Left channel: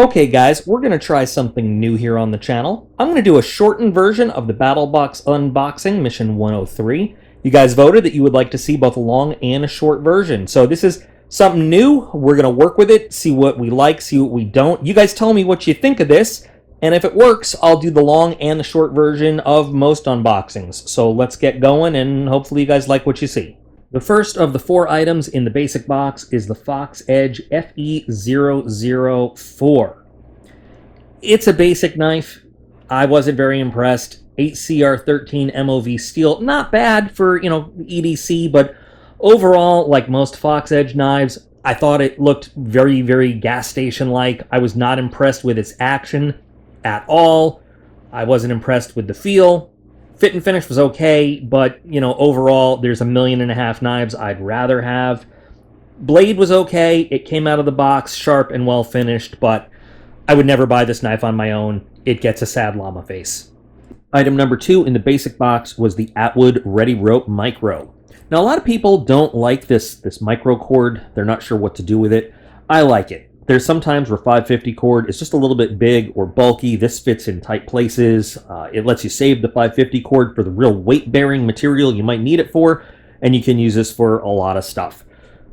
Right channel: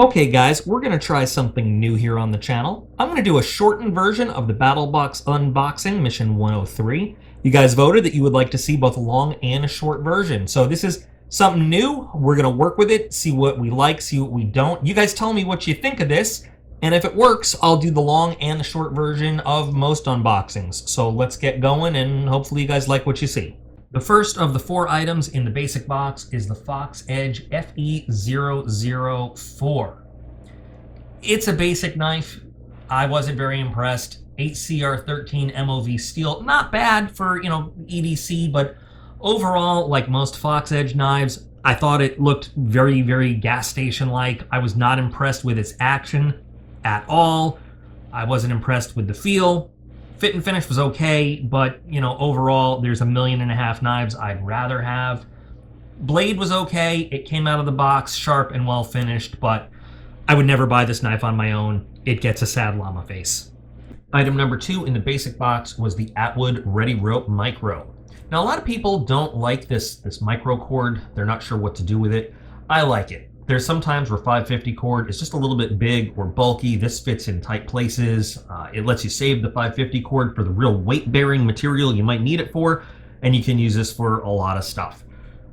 Okay guys, we're going to try something new here on the channel. I'm going to do a shortened version of the Battlbox unboxing, mission 103. You guys voted that you would like to see both a long and a short version. So this is something new. We're going to work with it, see what we like, see what we don't. You guys tell me what you think of this, and if it works, I'll do the long and the short version of most unboxings. So let's get going, and hopefully you guys like what you see. The first of the 4 items in the basic box is the Fox Edge FE004. It's a basic knife. I wasn't very impressed. 8CR13 MOV steel, not bad for, EDC, but overall, like most Fox Edge knives, I thought it looked very, very gas station-like. I was not impressed with its action at all. I wasn't impressed with the feel. Fit and finish was okay, but, overall, there's 1.5 million knives I'd rather have. Blade was okay. It came out of the box sharp and well finished, but I would never buy this knife on my own. It gets a sad llama face. Item number 2 in the basic box was the Atwood Ready Rope Micro. Now, a lot of people don't like this micro cord. They're not sure what to do with it. I like it. There's some times where 550 cord is just a little bit big or bulky. This fits in tight places. It lets you save the 550 cord for the real weight-bearing material you might need it for, and you can use this for a lot of stuff.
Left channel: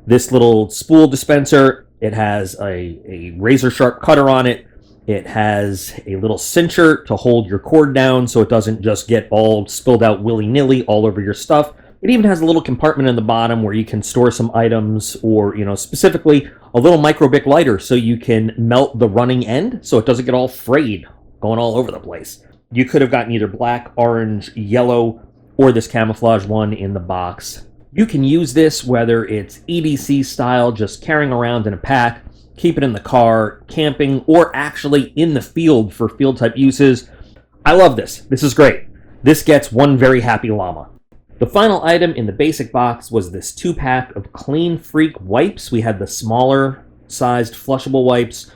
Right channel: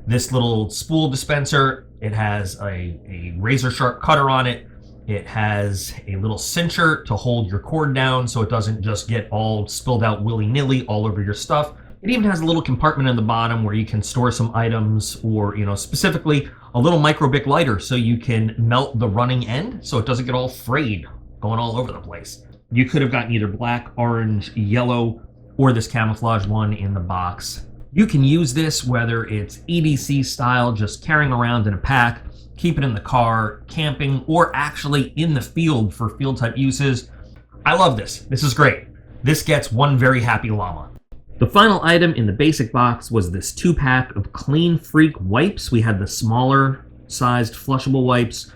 This little spool dispenser, it has a razor-sharp cutter on it. It has a little cincher to hold your cord down so it doesn't just get all spilled out willy-nilly all over your stuff. It even has a little compartment in the bottom where you can store some items, or, specifically a little microbic lighter so you can melt the running end so it doesn't get all frayed going all over the place. You could have gotten either black, orange, yellow, or this camouflage one in the box. You can use this whether it's EDC style, just carrying around in a pack, keep it in the car, camping, or actually in the field for field type uses. I love this. This is great. This gets one very happy llama. The final item in the basic box was this 2-pack of Clean Freak wipes. We had the smaller sized flushable wipes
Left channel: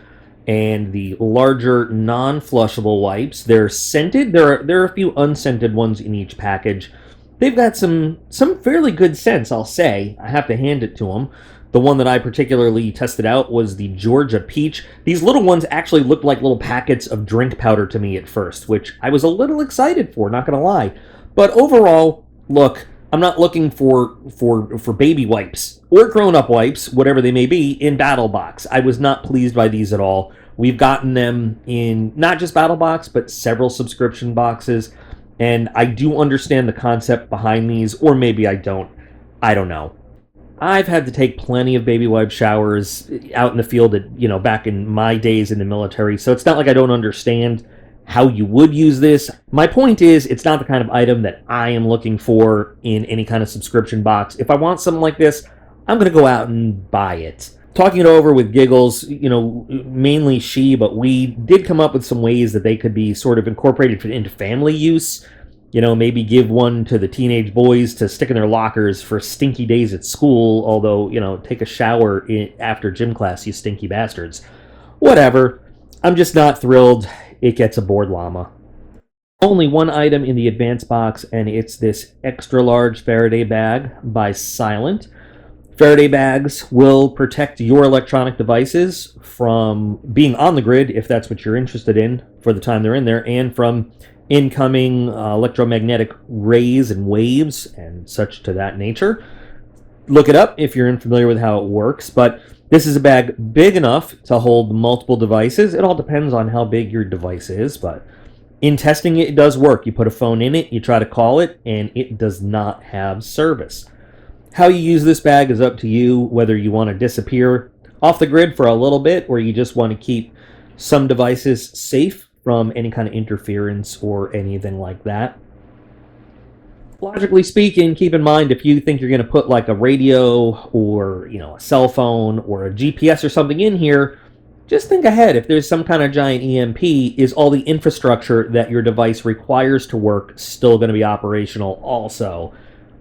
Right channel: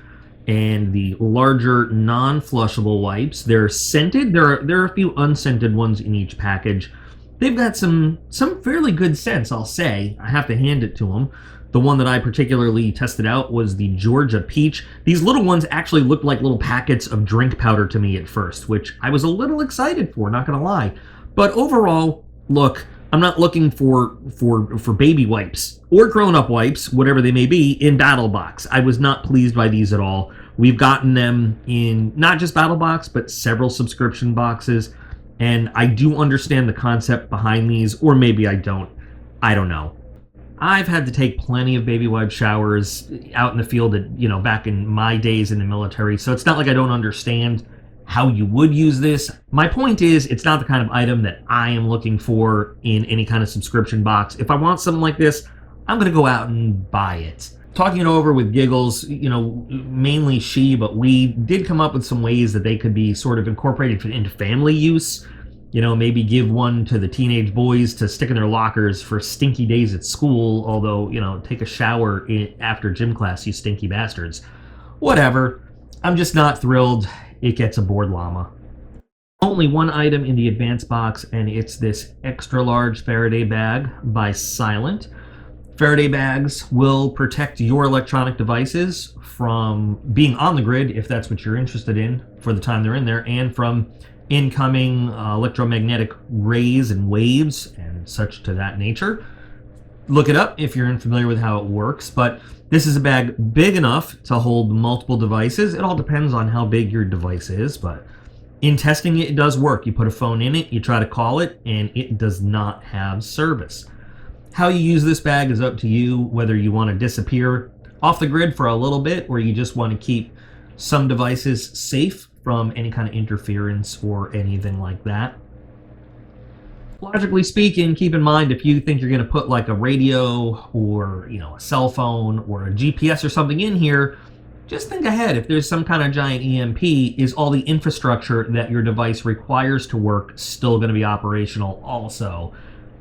and the larger non-flushable wipes. They're scented. There are a few unscented ones in each package. They've got some fairly good scents, I'll say. I have to hand it to them. The one that I particularly tested out was the Georgia Peach. These little ones actually looked like little packets of drink powder to me at first, which I was a little excited for, not going to lie. But overall, look, I'm not looking for baby wipes or grown-up wipes, whatever they may be, in Battlebox. I was not pleased by these at all. We've gotten them in not just Battlebox, but several subscription boxes, and I do understand the concept behind these, or maybe I don't. I don't know. I've had to take plenty of baby wipe showers out in the field back in my days in the military, so it's not like I don't understand how you would use this. My point is, it's not the kind of item that I am looking for in any kind of subscription box. If I want something like this, I'm going to go out and buy it. Talking it over with Giggles, mainly she, but we did come up with some ways that they could be sort of incorporated into family use. Maybe give one to the teenage boys to stick in their lockers for stinky days at school, although, take a shower after gym class, you stinky bastards. Whatever. I'm just not thrilled. It gets a bored llama. Only one item in the advanced box, and it's this extra large Faraday bag by Silent. Faraday bags will protect your electronic devices from being on the grid, if that's what you're interested in for the time they're in there, and from incoming electromagnetic rays and waves and such to that nature. Look it up if you're unfamiliar with how it works, but this is a bag big enough to hold multiple devices. It all depends on how big your device is, but in testing it does work. You put a phone in it, you try to call it, and it does not have service. How you use this bag is up to you, whether you want to disappear off the grid for a little bit or you just want to keep some devices safe from any kind of interference or anything like that. Logically speaking, keep in mind, if you think you're going to put like a radio or, a cell phone or a GPS or something in here, just think ahead. If there's some kind of giant EMP, is all the infrastructure that your device requires to work still going to be operational also?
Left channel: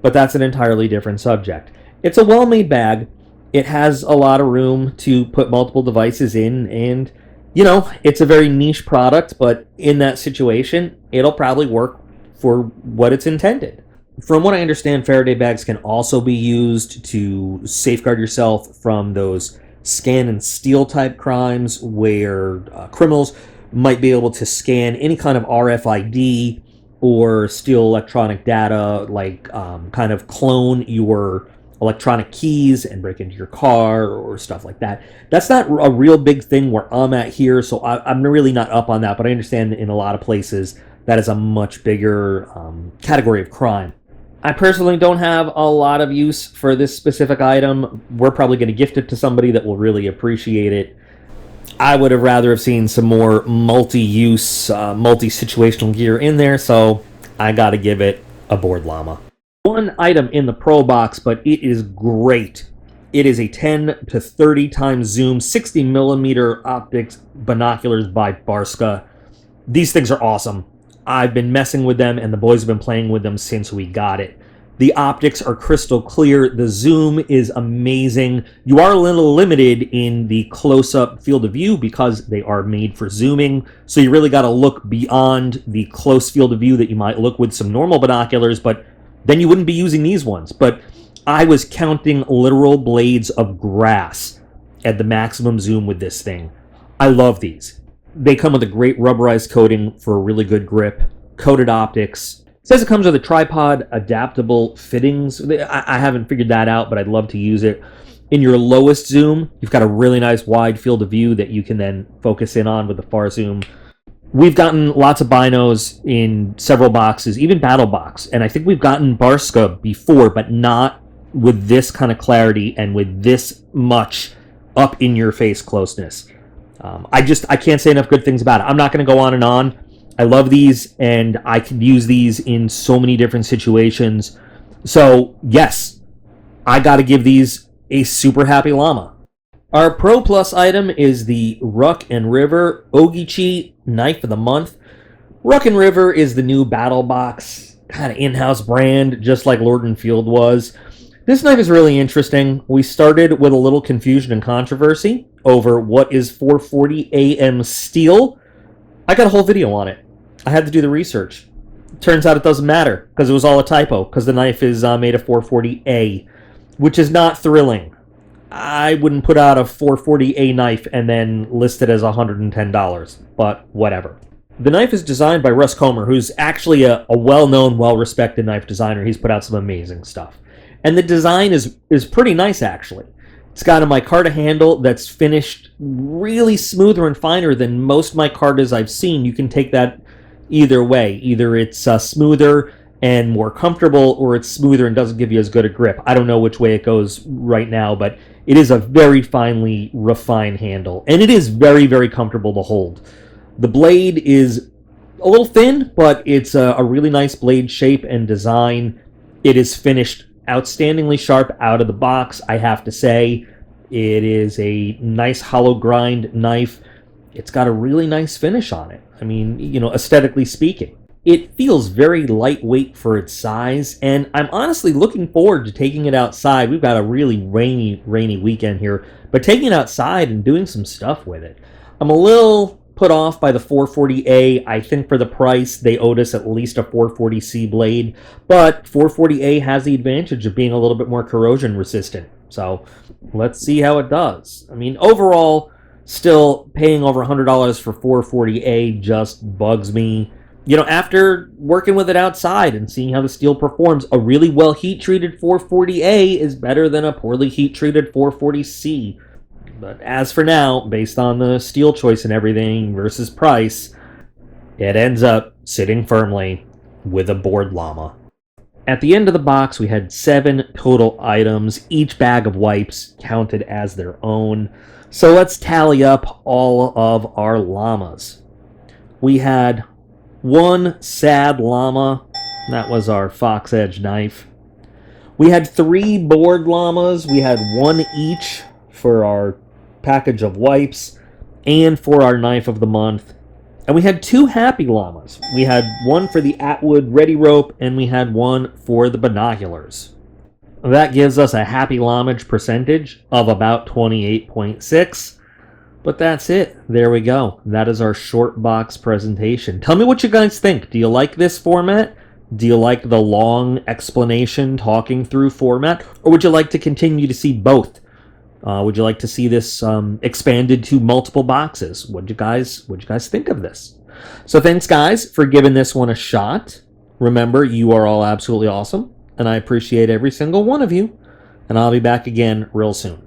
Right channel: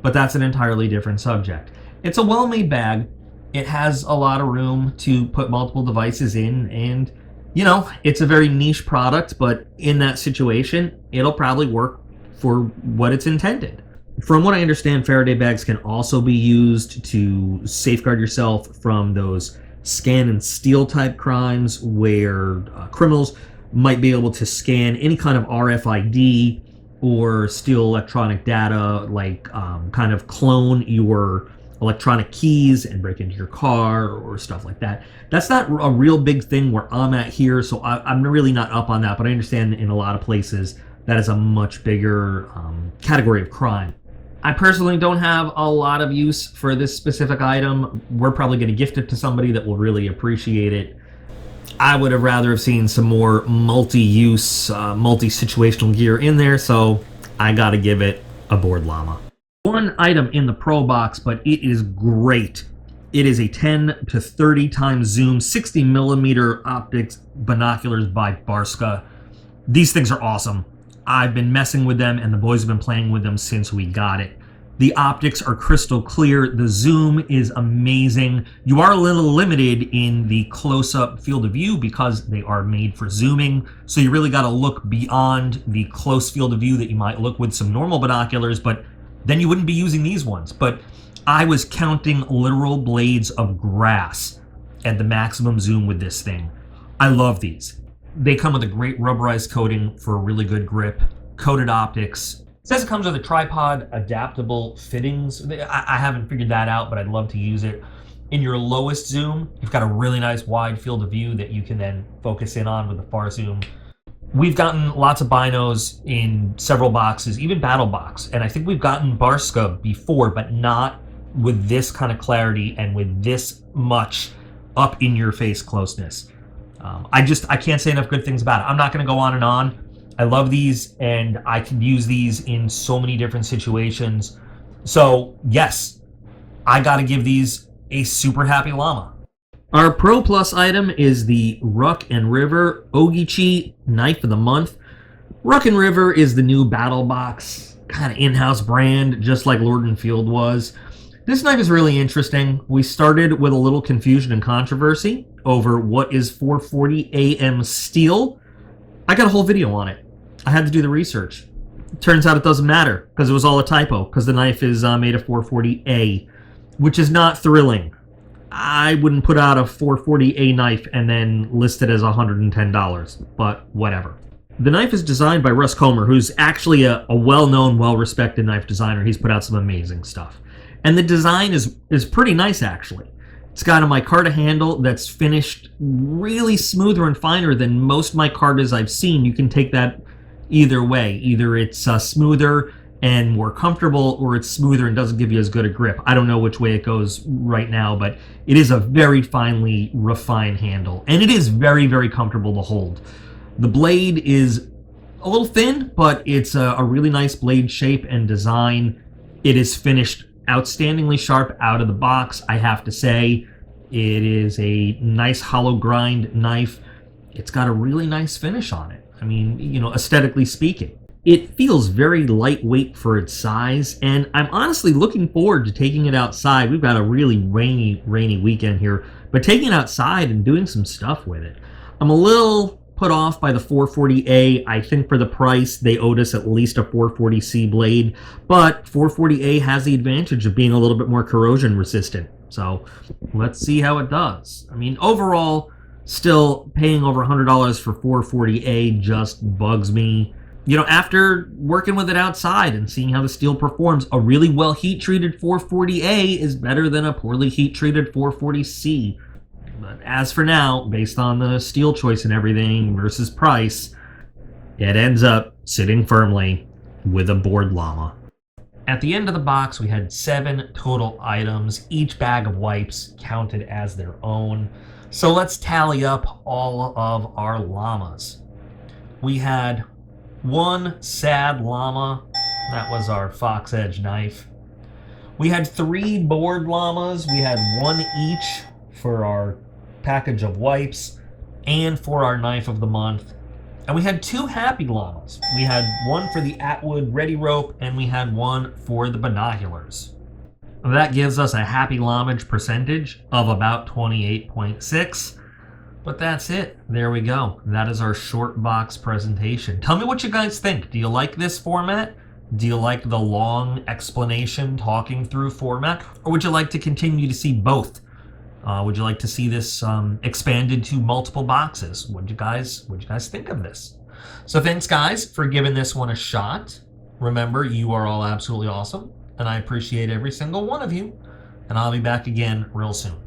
But that's an entirely different subject. It's a well-made bag. It has a lot of room to put multiple devices in, and it's a very niche product, but in that situation, it'll probably work for what it's intended. From what I understand, Faraday bags can also be used to safeguard yourself from those scan and steal type crimes where criminals might be able to scan any kind of RFID or steal electronic data, like kind of clone your electronic keys and break into your car or stuff like that. That's not a real big thing where I'm at here, so I'm really not up on that, but I understand in a lot of places that is a much bigger category of crime. I personally don't have a lot of use for this specific item. We're probably going to gift it to somebody that will really appreciate it. I would have rather have seen some more multi-use, multi-situational gear in there, so I gotta give it a board llama. One item in the Pro box, but it is great. It is a 10 to 30 times zoom, 60 millimeter optics binoculars by Barska. These things are awesome. I've been messing with them, and the boys have been playing with them since we got it. The optics are crystal clear. The zoom is amazing. You are a little limited in the close-up field of view because they are made for zooming. So you really got to look beyond the close field of view that you might look with some normal binoculars, but then you wouldn't be using these ones. But I was counting literal blades of grass at the maximum zoom with this thing. I love these. They come with a great rubberized coating for a really good grip, coated optics. It says it comes with a tripod adaptable fittings. I haven't figured that out, but I'd love to use it. In your lowest zoom, you've got a really nice wide field of view that you can then focus in on with the far zoom. We've gotten lots of binos in several boxes, even Battlbox, and I think we've gotten Barska before, but not with this kind of clarity and with this much up-in-your-face closeness. I can't say enough good things about it. I'm not going to go on and on. I love these, and I can use these in so many different situations. So, yes, I got to give these a super happy llama. Our Pro Plus item is the Rockin River Ogichi Knife of the Month. Rockin River is the new Battlbox kind of in-house brand, just like Lord & Field was. This knife is really interesting. We started with a little confusion and controversy over what is 440 AM steel. I got a whole video on it. I had to do the research. Turns out it doesn't matter because it was all a typo because the knife is made of 440A, which is not thrilling. I wouldn't put out a 440A knife and then list it as $110, but whatever. The knife is designed by Russ Comer, who's actually a well-known, well-respected knife designer. He's put out some amazing stuff. And the design is pretty nice, actually. It's got a micarta handle that's finished really smoother and finer than most micartas I've seen. You can take that either way. Either it's smoother and more comfortable, or it's smoother and doesn't give you as good a grip. I don't know which way it goes right now, but it is a very finely refined handle, and it is very, very comfortable to hold. The blade is a little thin, but it's a really nice blade shape and design. It is finished outstandingly sharp out of the box, I have to say. It is a nice hollow grind knife. It's got a really nice finish on it. I mean, aesthetically speaking. It feels very lightweight for its size, and I'm honestly looking forward to taking it outside. We've got a really rainy weekend here, but taking it outside and doing some stuff with it. I'm a little put off by the 440A. I think for the price, they owed us at least a 440C blade, but 440A has the advantage of being a little bit more corrosion resistant. So let's see how it does. I mean, overall, still paying over $100 for 440A just bugs me. After working with it outside and seeing how the steel performs, a really well heat-treated 440A is better than a poorly heat-treated 440C. But as for now, based on the steel choice and everything versus price, it ends up sitting firmly with a board llama. At the end of the box, we had 7 total items, each bag of wipes counted as their own. So let's tally up all of our llamas. We had 1 sad llama. That was our Fox Edge knife. We had 3 board llamas. We had 1 each for our package of wipes and for our knife of the month. And we had 2 happy llamas. We had 1 for the Atwood Ready Rope, and we had 1 for the binoculars. That gives us a happy lamage percentage of about 28.6. But that's it. There we go. That is our short box presentation. Tell me what you guys think. Do you like this format? Do you like the long explanation, talking through format? Or would you like to continue to see both? Would you like to see this expanded to multiple boxes? What'd you guys think of this? So thanks, guys, for giving this one a shot. Remember, you are all absolutely awesome, and I appreciate every single one of you. And I'll be back again real soon.